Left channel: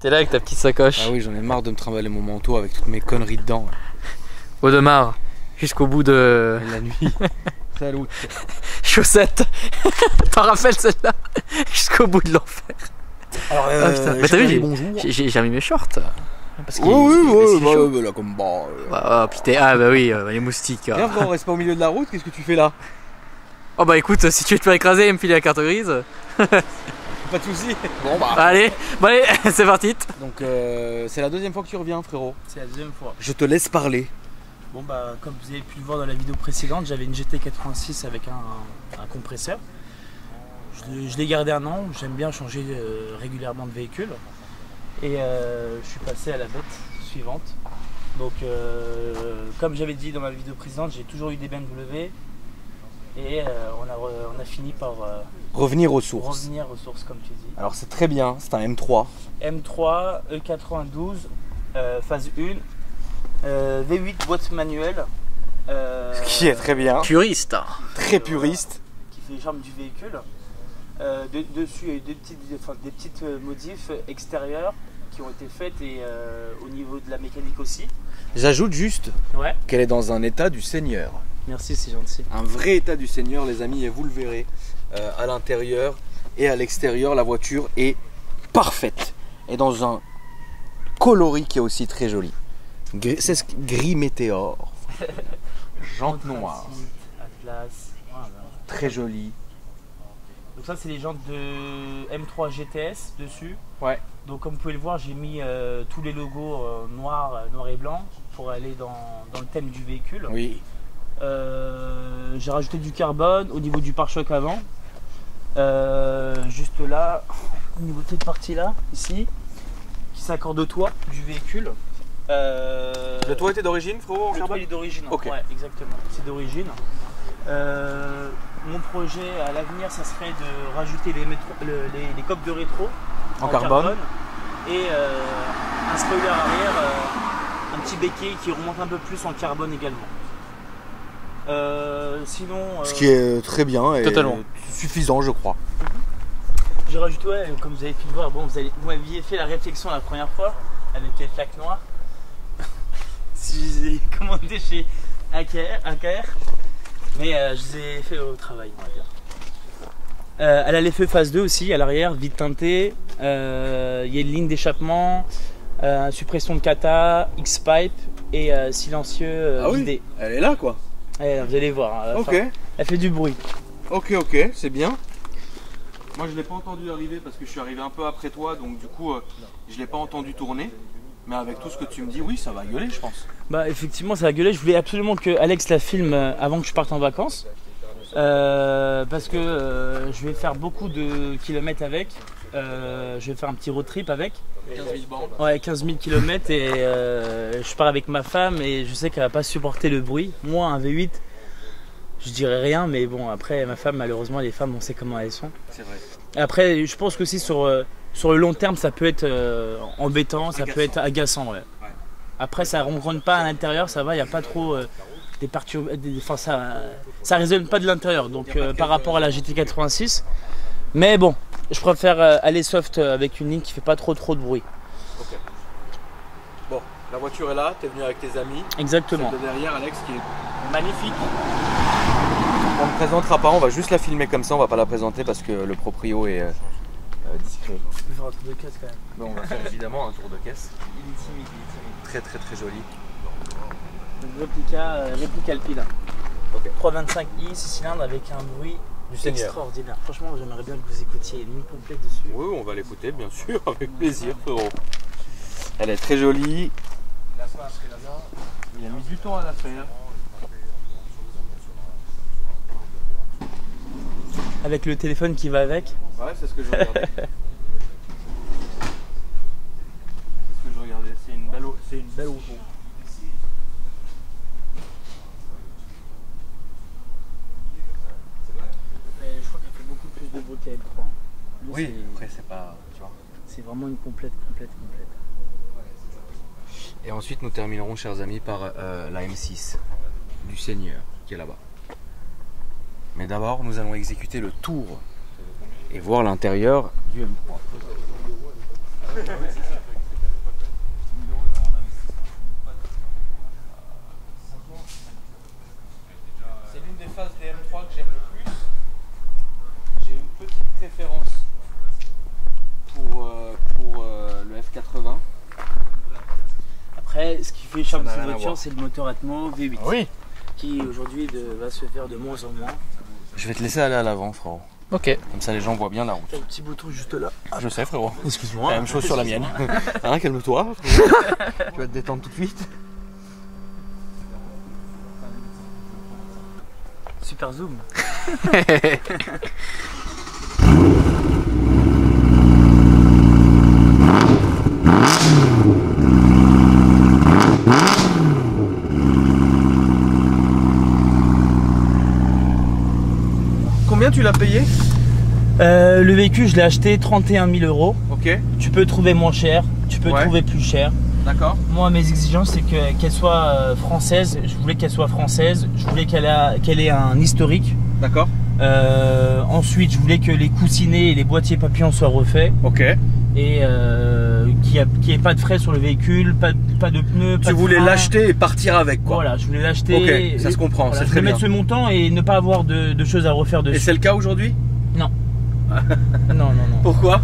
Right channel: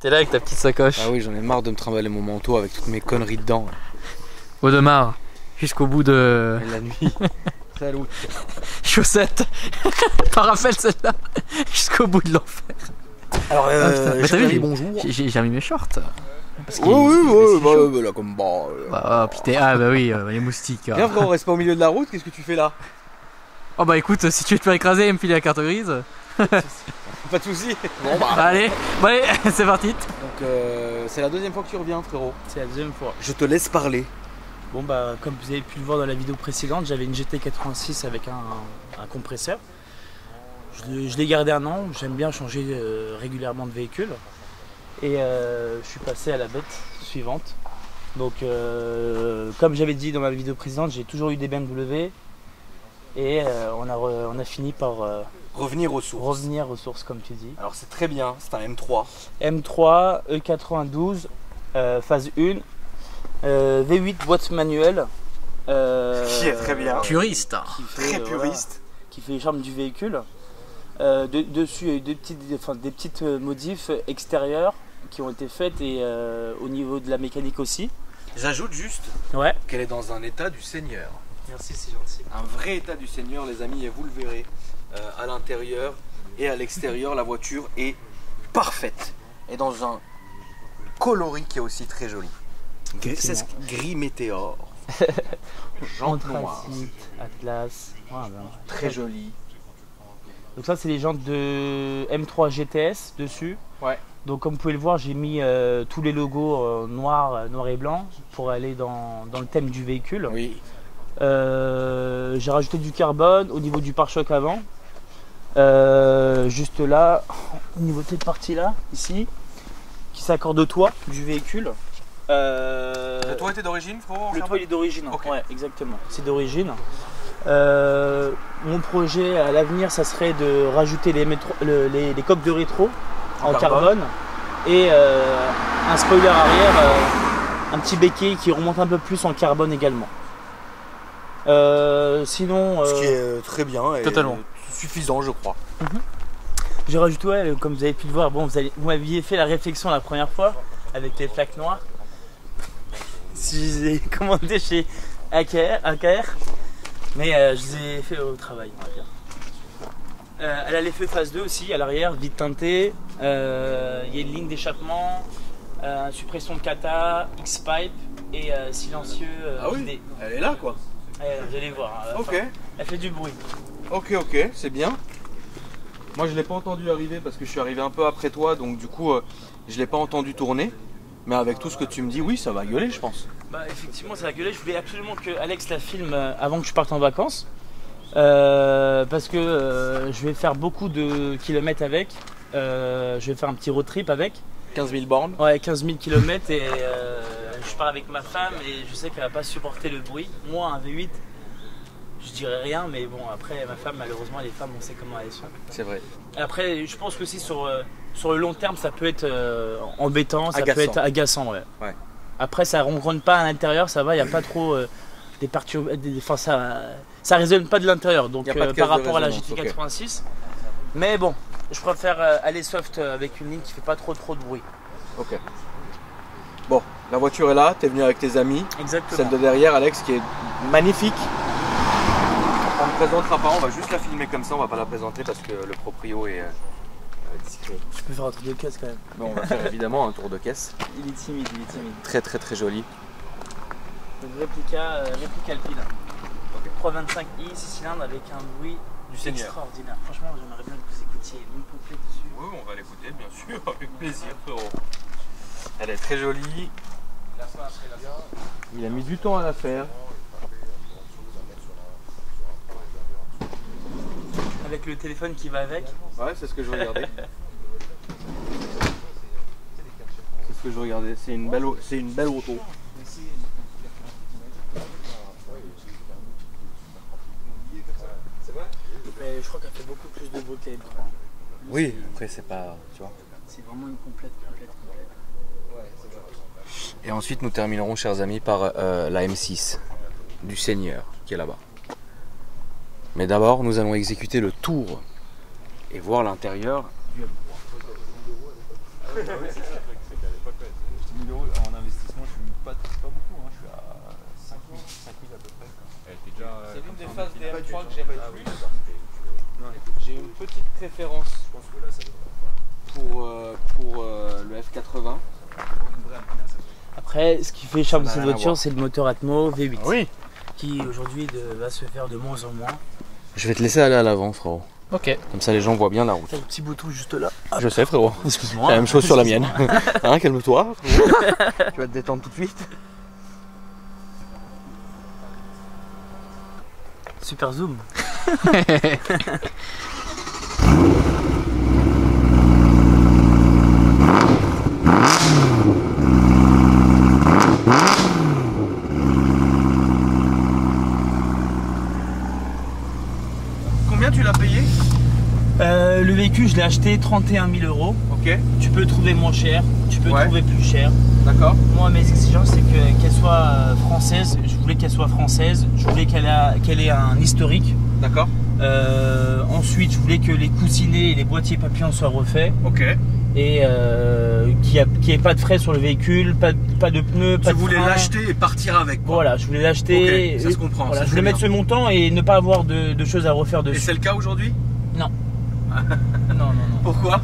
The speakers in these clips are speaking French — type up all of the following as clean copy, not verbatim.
T'es là avec ta petite sacoche. Ah oui, j'en ai marre de me trimballer mon manteau avec toutes mes conneries dedans. Audemars, jusqu'au bout de... Et la nuit. Salut. Chaussettes. T'en rappelles celle-là? Jusqu'au bout de l'enfer. Alors, mais t'as vu, bonjour. J'ai mis mes shorts. Oui, là comme bah. Ah putain, bah oui, les moustiques. Viens frérot, on reste pas au milieu de la route, qu'est-ce que tu fais là? Oh bah écoute, si tu veux te faire écraser et me filer la carte grise. Pas de soucis. Bon bah. Allez, c'est parti. Donc c'est la deuxième fois que tu reviens frérot. C'est la deuxième fois. Je te laisse parler. Bon bah comme vous avez pu le voir dans la vidéo précédente, j'avais une GT86 avec un compresseur. Je l'ai gardé un an, j'aime bien changer régulièrement de véhicule. Et je suis passé à la bête suivante. Donc comme j'avais dit dans ma vidéo précédente, j'ai toujours eu des BMW. Et on a fini par Revenir aux sources. revenir aux sources comme tu dis. Alors c'est très bien, c'est un M3. M3, E92, phase 1, V8 boîte manuelle. Qui est très bien. Puriste. Très puriste. Qui fait les charmes du véhicule. Dessus, il y a eu des petites modifs extérieures qui ont été faites et au niveau de la mécanique aussi. J'ajoute juste Ouais, qu'elle est dans un état du Seigneur. merci, c'est gentil. Un vrai état du Seigneur les amis, et vous le verrez. À l'intérieur et à l'extérieur, la voiture est parfaite. Et dans un coloris qui est aussi très joli. C'est gris météore. Jantes noires. Anthracite, Atlas. Ah, ben. Très joli. Donc ça c'est les jantes de M3 GTS dessus. Ouais. Donc comme vous pouvez le voir, j'ai mis tous les logos noir et blanc pour aller dans le thème du véhicule. Oui. J'ai rajouté du carbone au niveau du pare-choc avant. Juste là, au niveau de cette partie là, ici, qui s'accorde au toit du véhicule. Le toit était d'origine, frérot? Le toit il est d'origine, Ok. ouais, exactement, c'est d'origine. Mon projet à l'avenir, ça serait de rajouter les coques de rétro en carbone et un spoiler arrière, un petit béquet qui remonte un peu plus en carbone également. Sinon, Ce qui est très bien et Totalement. suffisant, je crois. j'ai rajouté, ouais, comme vous avez pu le voir, bon, vous m'aviez fait la réflexion la première fois avec les plaques noires. Si je les ai commandées chez AKR, mais je les ai fait au travail, on va dire. Elle a les feux phase 2 aussi à l'arrière, vide teinté. Il y a une ligne d'échappement, suppression de kata, X-pipe et silencieux vidé. Elle est là quoi. Vous allez voir, hein, Ok. elle fait du bruit. Ok, c'est bien. Moi je l'ai pas entendu arriver parce que je suis arrivé un peu après toi, donc du coup je l'ai pas entendu tourner. Mais avec tout ce que tu me dis, oui, ça va gueuler, je pense. Bah effectivement ça a gueulé, je voulais absolument que Alex la filme avant que je parte en vacances. Parce que je vais faire beaucoup de kilomètres avec. Je vais faire un petit road trip avec. 15 000 bornes. Ouais, 15 000 km et je pars avec ma femme et je sais qu'elle va pas supporter le bruit. Moi, un V8, je dirais rien, mais bon, après, ma femme, malheureusement, les femmes, on sait comment elles sont. C'est vrai. Après, je pense que aussi sur le long terme, ça peut être embêtant, ça peut être agaçant. Ouais. Ouais. Après, ça ronronne pas à l'intérieur, ça va, il n'y a pas trop des perturbations. Enfin, ça résonne pas de l'intérieur, donc Y a pas de par casse de rapport à la résonance, GT86. Mais bon, je préfère aller soft avec une ligne qui fait pas trop de bruit. Ok. Bon, la voiture est là, t'es venu avec tes amis. Exactement. Celle de derrière, Alex, qui est magnifique. On ne présentera pas, on va juste la filmer comme ça, on va pas la présenter parce que le proprio est discret. Je peux faire un truc de caisse quand même. Bon, on va faire évidemment un tour de caisse. Il est timide, il est timide. Très très très joli. Donc réplica alpine. Ok. 325i, 6 cylindres avec un bruit Du Seigneur. extraordinaire. Franchement, j'aimerais bien que vous écoutiez une ligne complète dessus. Oui, on va l'écouter, bien sûr, avec plaisir, frérot. Elle est très jolie. Il a mis du temps à la faire. Avec le téléphone qui va avec. Ouais, c'est ce que je regardais. C'est ce que je regardais. C'est une belle auto. Mais je crois qu'elle fait beaucoup plus de bruit que la M3. Oui, après c'est pas, tu vois. C'est vraiment une complète. Et ensuite nous terminerons, chers amis, par la M6 du Seigneur qui est là-bas. Mais d'abord, nous allons exécuter le tour et voir l'intérieur du M3. Oui, c'est ça, c'est qu'à l'époque, 10 000 € en investissement, je suis pas beaucoup, hein. Je suis à 5 000 à peu près. C'est l'une des phases des M3 que j'aime le plus. J'ai une petite préférence pour le F80. Après, ce qui fait charme de n'a cette rien à voiture, voir. c'est le moteur Atmo V8. Oui. Qui aujourd'hui va se faire de moins en moins. Je vais te laisser aller à l'avant, frérot. Ok. Comme ça, les gens voient bien la route. T'as le petit bouton juste là. Je sais, frérot. Excuse-moi. La même chose sur la mienne. Hein, calme-toi. Tu vas te détendre tout de suite. Super zoom. Combien tu l'as payé? Le véhicule, je l'ai acheté 31 000 €. Ok, Tu peux trouver moins cher, tu peux Ouais. trouver plus cher. d'accord. Moi, mes exigences, c'est qu'elle soit française. Je voulais qu'elle soit française. Je voulais qu'elle ait un historique. D'accord. Ensuite, je voulais que les coussinets et les boîtiers papillons soient refaits. Ok. Et qu'il n'y ait pas de frais sur le véhicule, pas de pneus, pas Tu de voulais freins. l'acheter et partir avec, quoi. Voilà, je voulais l'acheter. Ok, ça se comprend, Voilà, c'est je voulais très mettre bien. ce montant et ne pas avoir de choses à refaire Et dessus. c'est le cas aujourd'hui? Non. non. Pourquoi?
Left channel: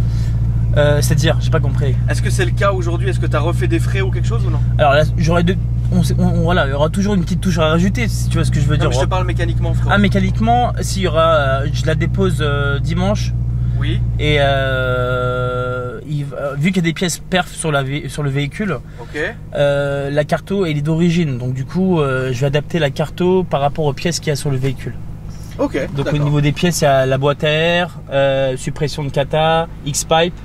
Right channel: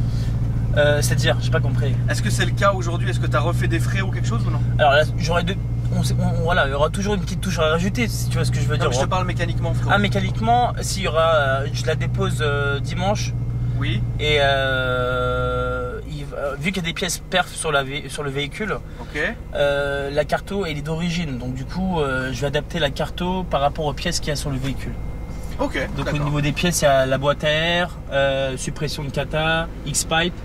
C'est-à-dire, j'ai pas compris. Est-ce que c'est le cas aujourd'hui? Est-ce que tu as refait des frais ou quelque chose ou non? Alors là, j'aurais voilà, il y aura toujours une petite touche à rajouter, si tu vois ce que je veux Non, dire. mais je te parle mécaniquement, frérot. Ah, mécaniquement, s'il y aura, je la dépose dimanche Oui, et vu qu'il y a des pièces perf sur le véhicule, ok. la carto elle est d'origine, donc du coup je vais adapter la carto par rapport aux pièces qu'il y a sur le véhicule. Ok, Donc d'accord. au niveau des pièces, il y a la boîte à air, suppression de kata, X-pipe,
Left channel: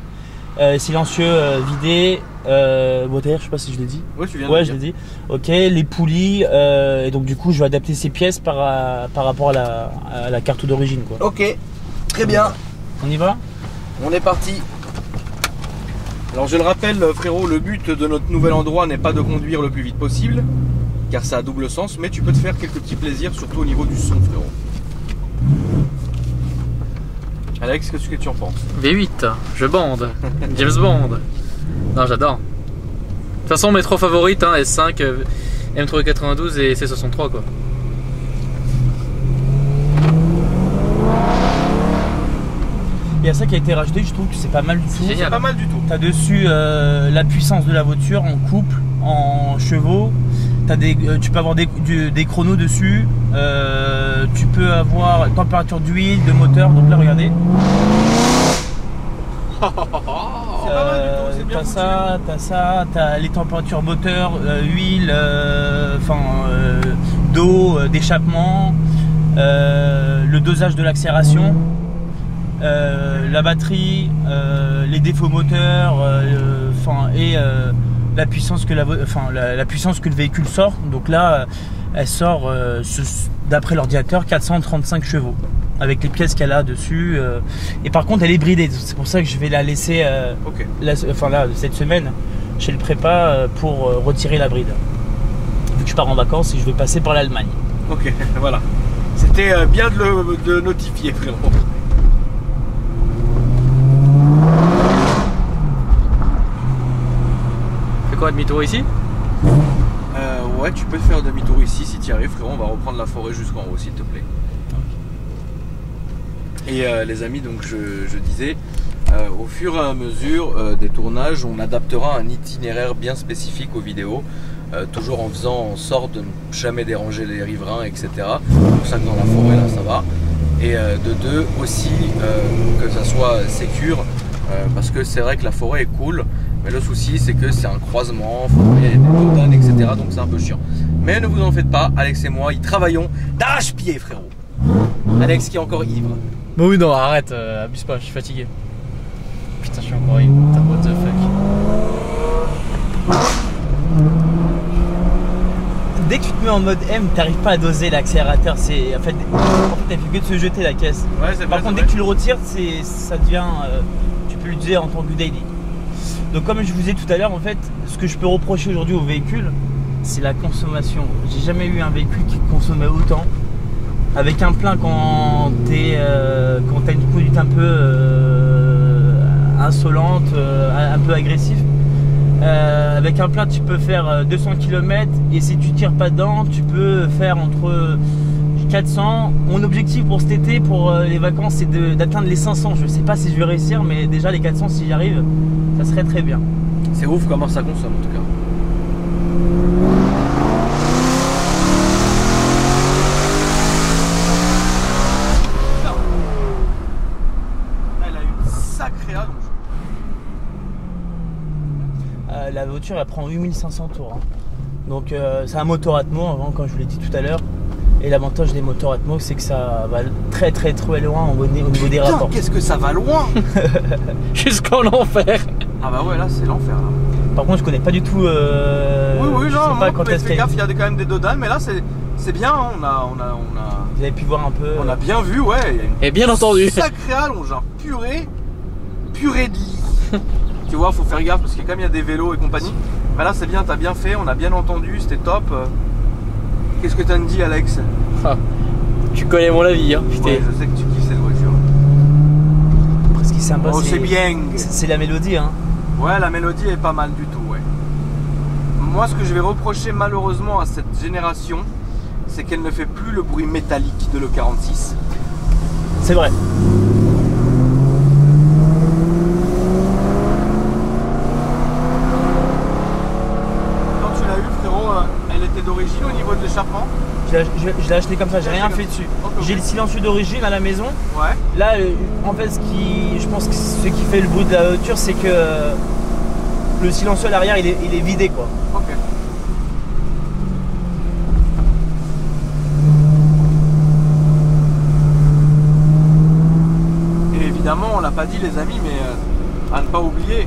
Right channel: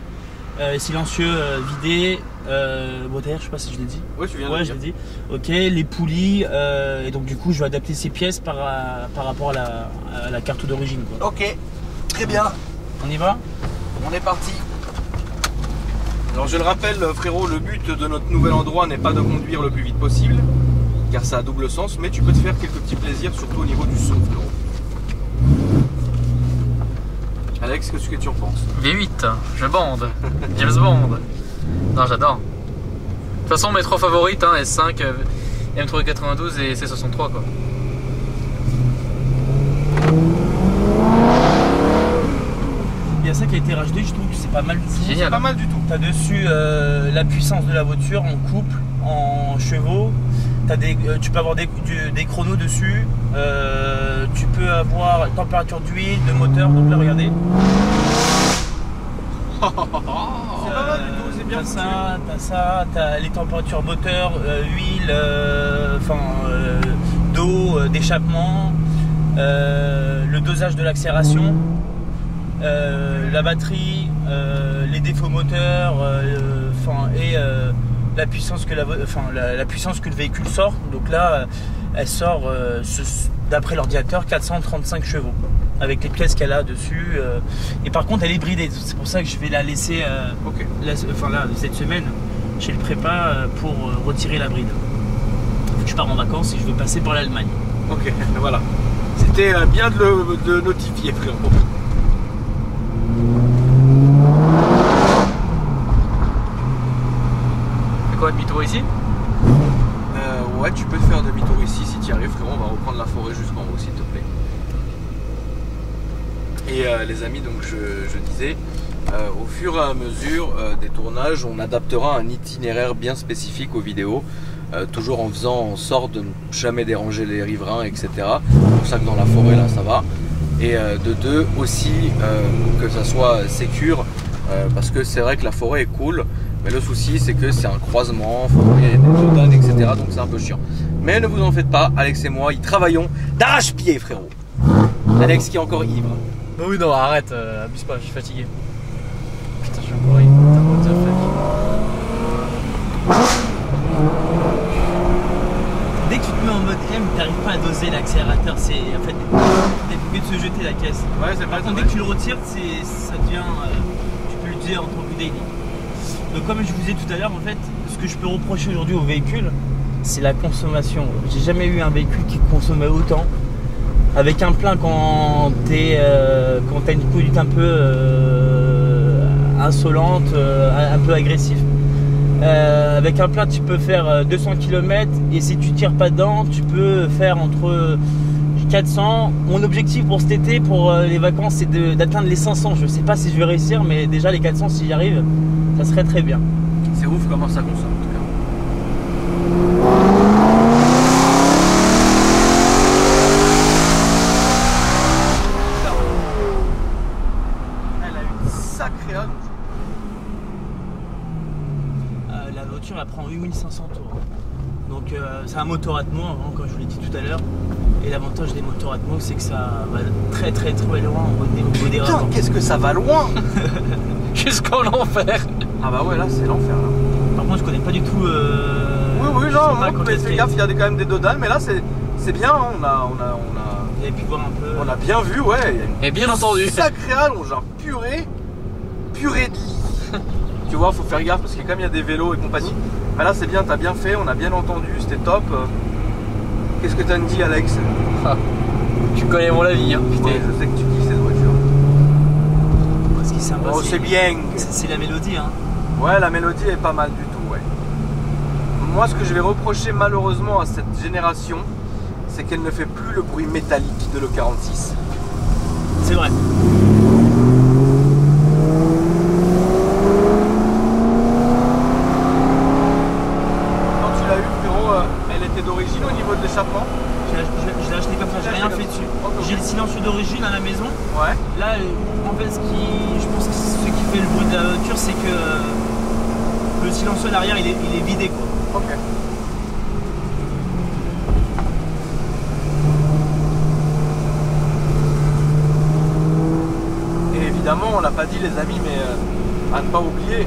silencieux vidé, boîte à air, je sais pas si je l'ai dit. Ouais, tu viens de Ouais, le je dire. l'ai dit. Ok, les poulies, et donc du coup je vais adapter ces pièces par rapport à la carte d'origine, quoi. Ok, très bien. On y va? On est parti. Alors je le rappelle, frérot, le but de notre nouvel endroit n'est pas de conduire le plus vite possible, car ça a double sens, mais tu peux te faire quelques petits plaisirs, surtout au niveau du son, frérot. Alex, qu'est-ce que tu en penses? V8, je bande. James Bond. Non, j'adore. De toute façon, mes trois favorites, hein, S5, M392 et C63, quoi. Il y a ça qui a été rajouté, je trouve que c'est pas mal du tout. Génial. Pas mal du tout. T'as dessus la puissance de la voiture en couple, en chevaux. Tu peux avoir des chronos dessus. Tu peux avoir température d'huile, de moteur. Donc là, regardez. C'est pas mal du tout, c'est bien T'as foutu. ça, t'as les températures moteur, huile, d'eau, d'échappement, le dosage de l'accélération, la batterie, les défauts moteurs, et la puissance que la puissance que le véhicule sort. Donc là, elle sort d'après l'ordinateur 435 chevaux avec les pièces qu'elle a dessus. Et par contre, elle est bridée. C'est pour ça que je vais la laisser Ok. cette semaine chez le prépa pour retirer la bride. Vu que je pars en vacances et je vais passer par l'Allemagne. Ok, voilà. C'était bien de notifier, frérot. Fais quoi, demi-tour ici? Ouais, tu peux te faire demi-tour ici si tu y arrives, frérot. On va reprendre la forêt jusqu'en haut, s'il te plaît. Et les amis, donc je disais, au fur et à mesure des tournages, on adaptera un itinéraire bien spécifique aux vidéos, toujours en faisant en sorte de ne jamais déranger les riverains, etc. C'est pour ça que dans la forêt, là, ça va. Et de deux, aussi, que ça soit sécure, parce que c'est vrai que la forêt est cool, mais le souci, c'est que c'est un croisement, il y a des dodanes, etc. Donc c'est un peu chiant. Mais ne vous en faites pas, Alex et moi, y travaillons d'arrache-pied, frérot. Alex qui est encore ivre. Bah oui, non, arrête, abuse pas, je suis fatigué. Putain, je suis encore ivre. Putain, what the fuck. Dès que tu te mets en mode M, t'arrives pas à doser l'accélérateur. C'est en fait, t'es obligé de se jeter la caisse. Ouais, c'est Par vrai, contre, dès que tu le retires, ça devient. Tu peux l'utiliser en tant que daily. Donc, comme je vous disais tout à l'heure, en fait, ce que je peux reprocher aujourd'hui au véhicule, c'est la consommation. J'ai jamais eu un véhicule qui consommait autant. Avec un plein quand t'as une conduite un insolente, un peu agressif. Avec un plein, tu peux faire 200 km et si tu tires pas dedans, tu peux faire entre 400. Mon objectif pour cet été, pour les vacances, c'est d'atteindre les 500. Je sais pas si je vais réussir, mais déjà les 400, si j'y arrive, ça serait très bien. C'est ouf comment ça consomme en tout cas. Elle a une sacrée allonge. La voiture elle prend 8500 tours. Hein. Donc c'est un moteur Atmo, hein, comme je vous l'ai dit tout à l'heure. Et l'avantage des moteurs Atmo, c'est que ça va très loin au niveau des rapports. Qu'est-ce que ça va loin. Jusqu'en enfer. Ah bah ouais, là c'est l'enfer là. Par contre je connais pas du tout. Oui, je non, sais pas quand mais est-ce fais gaffe, il y a quand même des dodans, mais là c'est bien, hein, Vous avez pu voir un peu. on a bien vu, ouais. Il y a une Et bien entendu. sacrée allonge, genre purée de lit. Tu vois, faut faire gaffe parce que comme il y a des vélos et compagnie. Mais là c'est bien, t'as bien fait, on a bien entendu, c'était top. Qu'est-ce que t'as dit, Alex? Ah, tu connais mon avis, hein, putain. Ouais, je sais que tu kiffes cette voiture. Ce qui est sympa, Oh, c'est bien. C'est la mélodie, hein. Ouais, la mélodie est pas mal du tout, ouais. Moi, ce que je vais reprocher malheureusement à cette génération, c'est qu'elle ne fait plus le bruit métallique de l'E46. C'est vrai. Quand tu l'as eu, frérot, elle était d'origine au niveau de l'échappement? Je l'ai acheté comme ça, j'ai rien fait dessus. Ok. J'ai le silencieux d'origine à la maison. Ouais. Là, en fait, je pense que ce qui fait le bruit de la voiture, c'est que le silencieux à l'arrière, il est vidé, quoi. Ok. Et évidemment, on l'a pas dit, les amis, mais à ne pas oublier,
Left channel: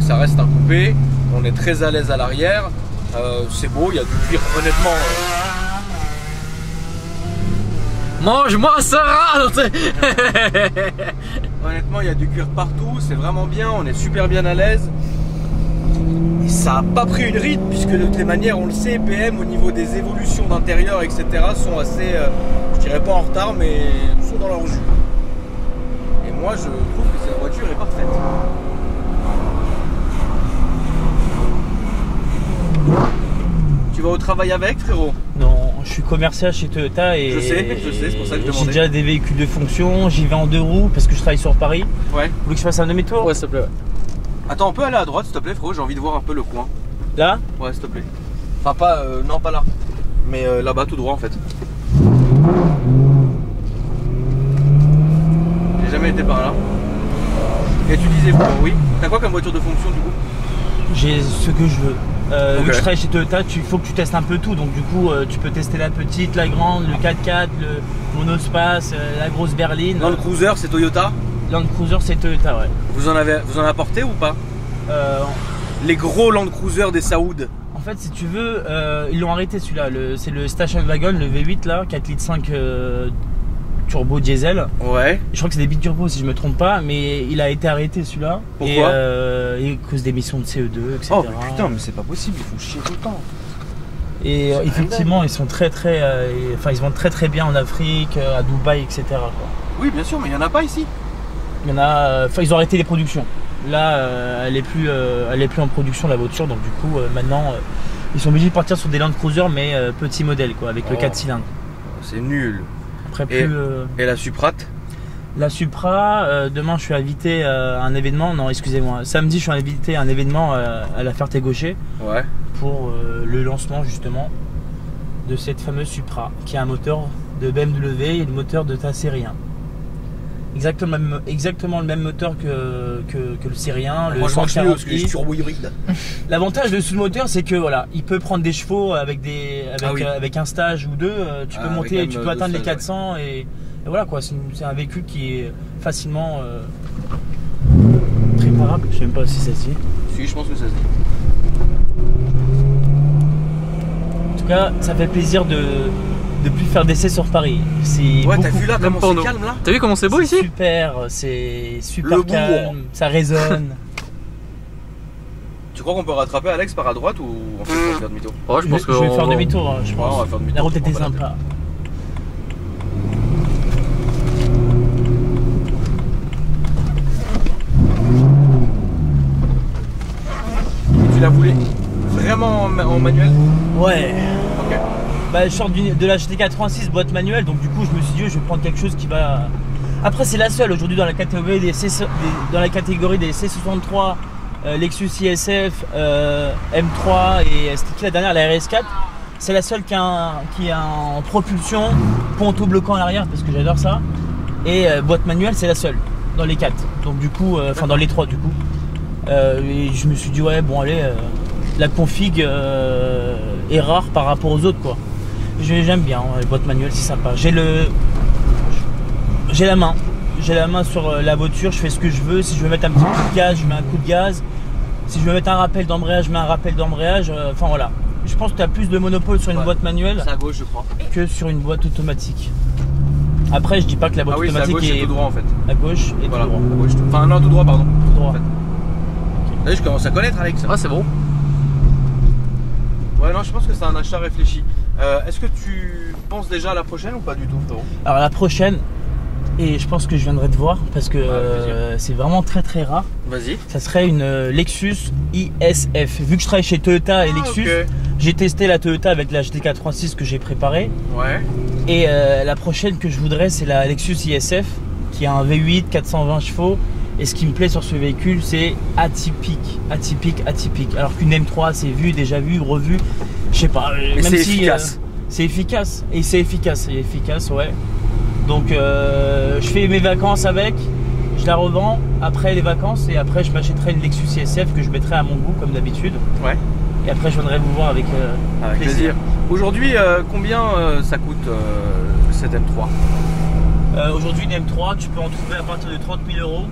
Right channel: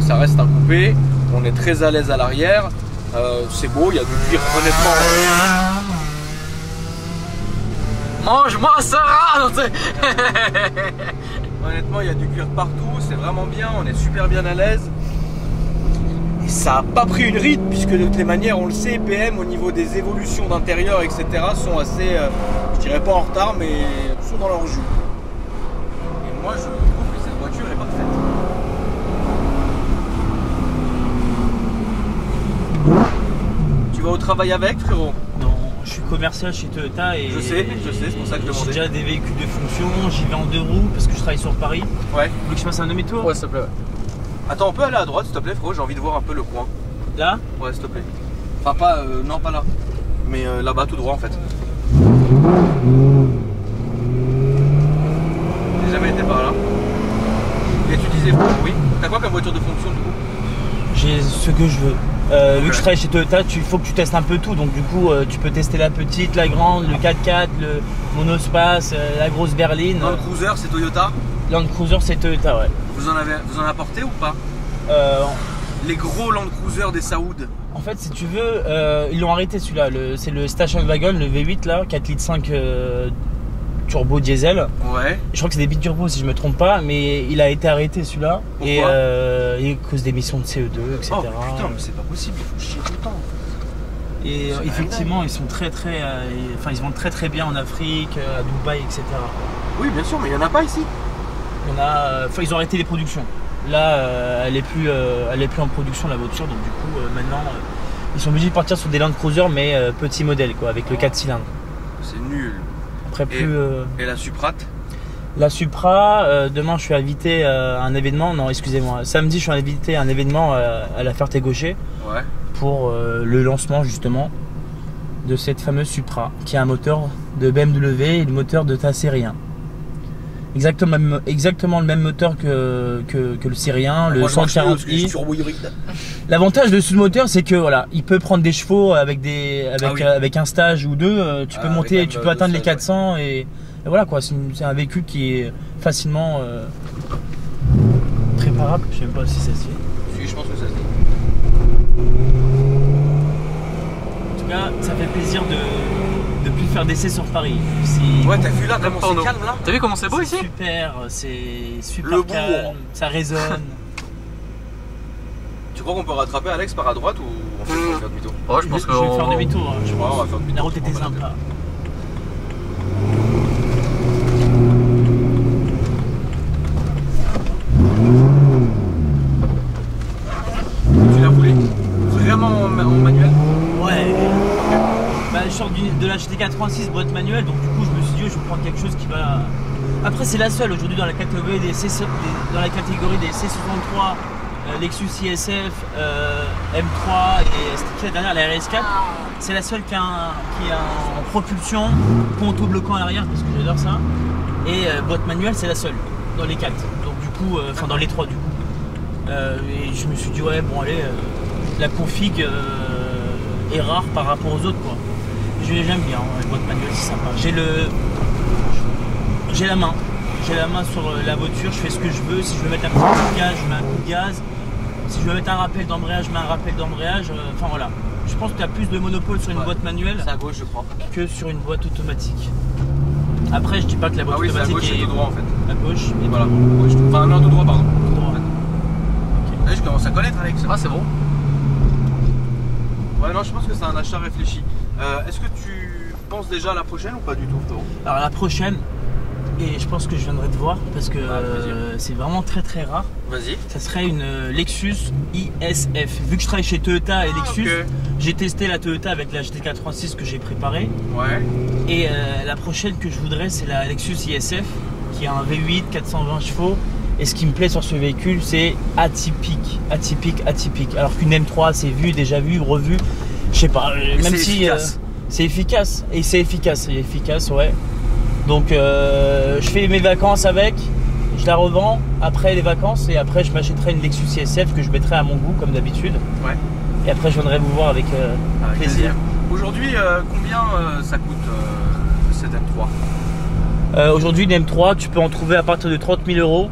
ça reste un coupé. On est très à l'aise à l'arrière. C'est beau, il y a du cuir, honnêtement. Mange-moi ça rate. Honnêtement, il y a du cuir partout, c'est vraiment bien, on est super bien à l'aise. Et ça n'a pas pris une ride, puisque de toutes les manières, on le sait, PM au niveau des évolutions d'intérieur, etc., sont assez, je dirais pas en retard, mais sont dans leur jus. Et moi, je trouve que cette voiture est parfaite. Tu vas au travail avec, frérot? Non, je suis commercial chez Toyota et Je sais, c'est pour ça que je j'ai demandais. déjà des véhicules de fonction, j'y vais en 2 roues parce que je travaille sur Paris. Ouais. Vous voulez que je fasse un demi-tour? Ouais, s'il te plaît. Ouais. Attends, on peut aller à droite, s'il te plaît, frérot, j'ai envie de voir un peu le coin. Là? Ouais, s'il te plaît. Enfin, pas, non, pas là. Mais là-bas, tout droit, en fait. J'ai jamais été par là. Et tu disais, oui. T'as quoi comme voiture de fonction, du coup? J'ai ce que je veux. Ok. Vu que je travaille chez Toyota, il faut que tu testes un peu tout. Donc du coup, tu peux tester la petite, la grande, le 4x4, le monospace, la grosse berline. Land Cruiser, c'est Toyota. Land Cruiser, c'est Toyota, ouais. Vous en apportez ou pas? Les gros Land Cruiser des Saouds. En fait, si tu veux, ils l'ont arrêté celui-là. C'est le Station Wagon, le V8 là, 4,5 litres turbo diesel. Ouais. Je crois que c'est des biturbo si je me trompe pas, mais il a été arrêté celui-là. Pourquoi? Et à cause d'émissions de CO2, etc. Oh putain, mais c'est pas possible, il faut chier tout le temps. Et effectivement, ils sont ils vendent très bien en Afrique, à Dubaï, etc. Oui, bien sûr, mais il y en a pas ici. Il y en a, ils ont arrêté les productions. Là, elle est plus en production la voiture, donc du coup, maintenant, ils sont obligés de partir sur des Land Cruiser, mais petit modèle, quoi, avec le 4 cylindres. C'est nul. Après, Et la Suprat? La Supra, demain je suis invité à un événement, non excusez-moi, samedi je suis invité à un événement à la Ferté-Gaucher Ouais. pour le lancement justement de cette fameuse Supra qui a un moteur de BMW et le moteur de ta série 1. Exactement le même moteur que le série 1, le 140i. turbo hybride. L'avantage de ce moteur c'est que voilà, il peut prendre des chevaux avec un stage ou deux, tu peux monter, avec tu même peux atteindre les stage, 400 et voilà quoi, c'est un véhicule qui est facilement préparable, je sais même pas si ça se dit. Si, je pense que ça se dit. En tout cas, ça fait plaisir de plus faire d'essais sur Paris. Ouais, t'as vu là comment c'est calme là? T'as vu comment c'est beau ici? Super, c'est super Le calme, bourg. ça résonne. Tu crois qu'on peut rattraper Alex par à droite ou on fait faire demi-tour? Oh, je pense que Je vais faire demi-tour, hein, je Ouais, pense. on va faire demi-tour. La route je était prends pas la sympa. la voulais vraiment en manuel? Ouais. Ok. Bah, je sors de la GT86 boîte manuelle, donc du coup je me suis dit je vais prendre quelque chose qui va. Après c'est la seule aujourd'hui dans la catégorie des C63 Lexus ISF, M3 et c'était la dernière, la RS4. C'est la seule qui a en propulsion, pont auto-bloquant à l'arrière parce que j'adore ça. Et boîte manuelle c'est la seule dans les 4. Donc du coup, enfin dans les 3 du coup. Et je me suis dit ouais bon allez, la config est rare par rapport aux autres quoi. J'aime bien les boîtes manuelles, c'est sympa. J'ai la main. J'ai la main sur la voiture, je fais ce que je veux. Si je veux mettre un petit coup de gaz, je mets un coup de gaz. Si je veux mettre un rappel d'embrayage, je mets un rappel d'embrayage. Enfin voilà. Je pense que tu as plus de monopole sur une boîte manuelle C'est à gauche, je crois. que sur une boîte automatique. Après, je dis pas que la boîte Ah oui, c'est à automatique gauche et tout droit en fait. à gauche et Voilà. tout droit. Gauche, enfin non, tout droit, pardon. Tout droit. En fait. T'as vu, je commence à connaître Alex. Ah, c'est bon. Ouais, non, je pense que c'est un achat réfléchi. Est-ce que tu penses déjà à la prochaine ou pas du tout, frérot? Alors la prochaine, et je pense que je viendrai te voir parce que c'est vraiment très très rare. Vas-y. Ça serait une Lexus ISF. Vu que je travaille chez Toyota et Lexus, Ok. j'ai testé la Toyota avec la GT86 que j'ai préparée. Ouais. Et la prochaine que je voudrais, c'est la Lexus ISF qui a un V8 420 chevaux. Et ce qui me plaît sur ce véhicule, c'est atypique. Alors qu'une M3, c'est vu, déjà vu, revu. Je sais pas, Mais même c'est si efficace. c'est efficace. Et c'est efficace, ouais. Donc je fais mes vacances avec, je la revends après les vacances et après je m'achèterai une Lexus ISF que je mettrai à mon goût comme d'habitude. Ouais. Et après je viendrai vous voir avec plaisir. Aujourd'hui, combien ça coûte cette M3? Aujourd'hui une M3, tu peux en trouver à partir de 30 000 euros.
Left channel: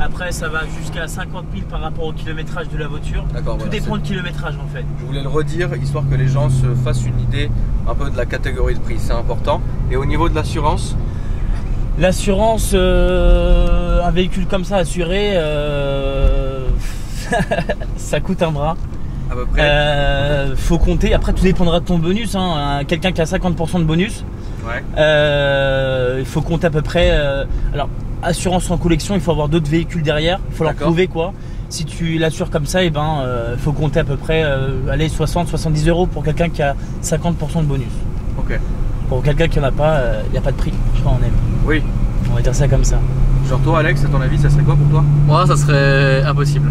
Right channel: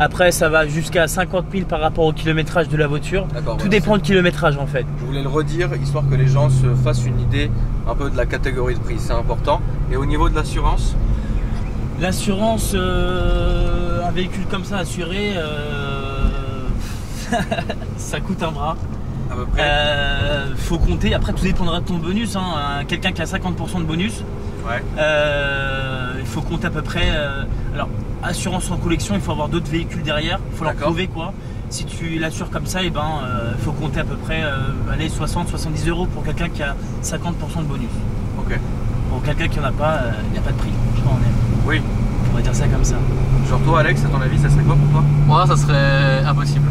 Après ça va jusqu'à 50 000 par rapport au kilométrage de la voiture. D'accord. Tout voilà, dépend c'est- du kilométrage en fait. Je voulais le redire, histoire que les gens se fassent une idée un peu de la catégorie de prix, c'est important. Et au niveau de l'assurance? L'assurance, un véhicule comme ça assuré, ça coûte un bras. À peu près. Faut compter, après tout dépendra de ton bonus. Hein. Quelqu'un qui a 50% de bonus, Ouais. il faut compter à peu près. Alors, assurance en collection, il faut avoir d'autres véhicules derrière, il faut leur D'accord. prouver quoi. Si tu l'assures comme ça, il faut compter à peu près 60-70 euros pour quelqu'un qui a 50% de bonus. Ok. Pour quelqu'un qui n'en a pas, il n'y a pas de prix, je crois en aime. Oui. On va dire ça comme ça. Genre toi, Alex, à ton avis, ça serait quoi pour toi? Moi, ça serait impossible.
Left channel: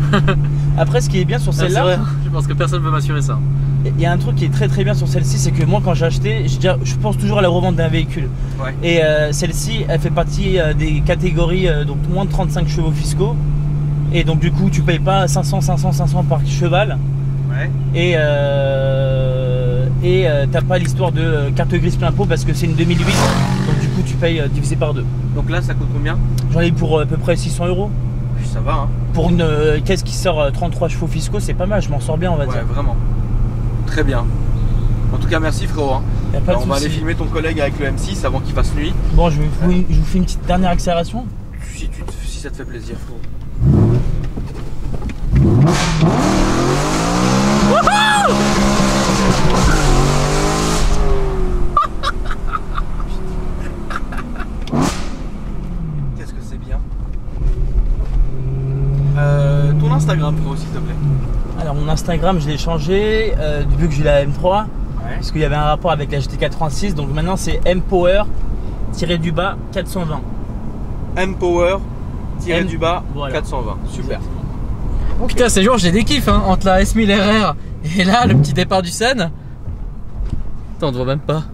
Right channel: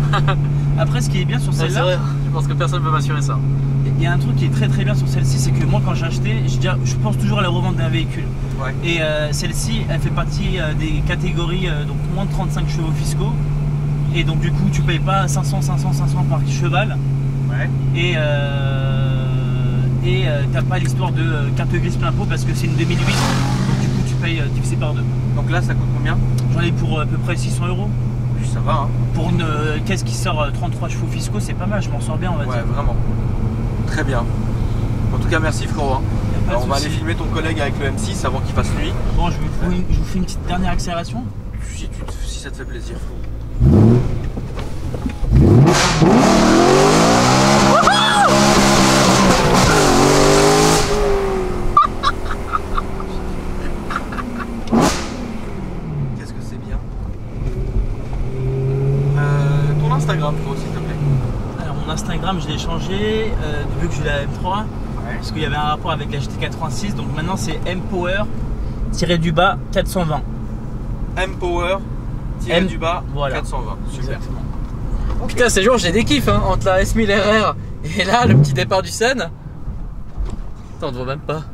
Après, ce qui est bien sur C'est celle-là, vrai, je pense que personne ne peut m'assurer ça. il y a un truc qui est très très bien sur celle-ci, c'est que moi quand j'ai acheté, je pense toujours à la revente d'un véhicule. Ouais. Et celle-ci, elle fait partie des catégories donc moins de 35 chevaux fiscaux. Et donc du coup, tu payes pas 500 par cheval. Ouais. Et t'as pas l'histoire de carte grise plein pot parce que c'est une 2008. Donc du coup, tu payes divisé par 2. Donc là, ça coûte combien? J'en ai pour à peu près 600 euros. Ça va, hein? Pour une caisse qui sort 33 chevaux fiscaux, c'est pas mal, je m'en sors bien, on va Ouais, dire. vraiment. Très bien. En tout cas, merci frérot. Hein. Y a pas de Alors, on va souci. aller filmer ton collègue avec le M6 avant qu'il fasse nuit. Bon, je vous fais une petite dernière accélération. Si ça te fait plaisir, frérot. Qu'est-ce que c'est bien. Ton Instagram, frérot, s'il te plaît. Alors mon Instagram, je l'ai changé vu que j'ai la M3 Ouais. parce qu'il y avait un rapport avec la GT86. Donc maintenant c'est mpower-du-bas 420. Mpower M, du bas voilà. 420. Super. Exactement. Putain, ces jours, j'ai des kiffs hein, entre la S1000 RR et là, le petit départ du Sen. Putain, on te voit même pas.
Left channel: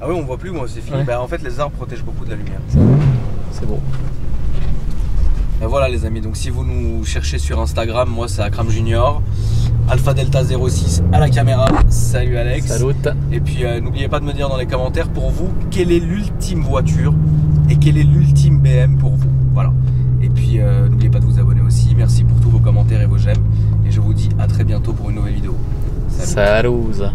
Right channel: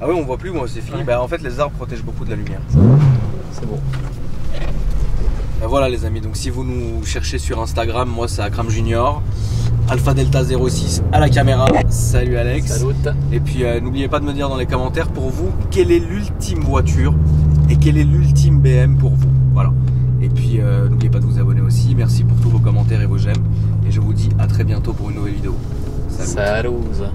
Ah oui, on voit plus, moi c'est fini. Ouais. Bah, en fait, les arbres protègent beaucoup de la lumière. C'est bon. Et voilà les amis, donc si vous nous cherchez sur Instagram, moi c'est Akram Junior, Alpha Delta 06 à la caméra. Salut Alex. Salut. Et puis n'oubliez pas de me dire dans les commentaires pour vous quelle est l'ultime voiture et quelle est l'ultime BM pour vous. Voilà. Et puis n'oubliez pas de vous abonner aussi. Merci pour tous vos commentaires et vos j'aime. Et je vous dis à très bientôt pour une nouvelle vidéo. Salut. Salut.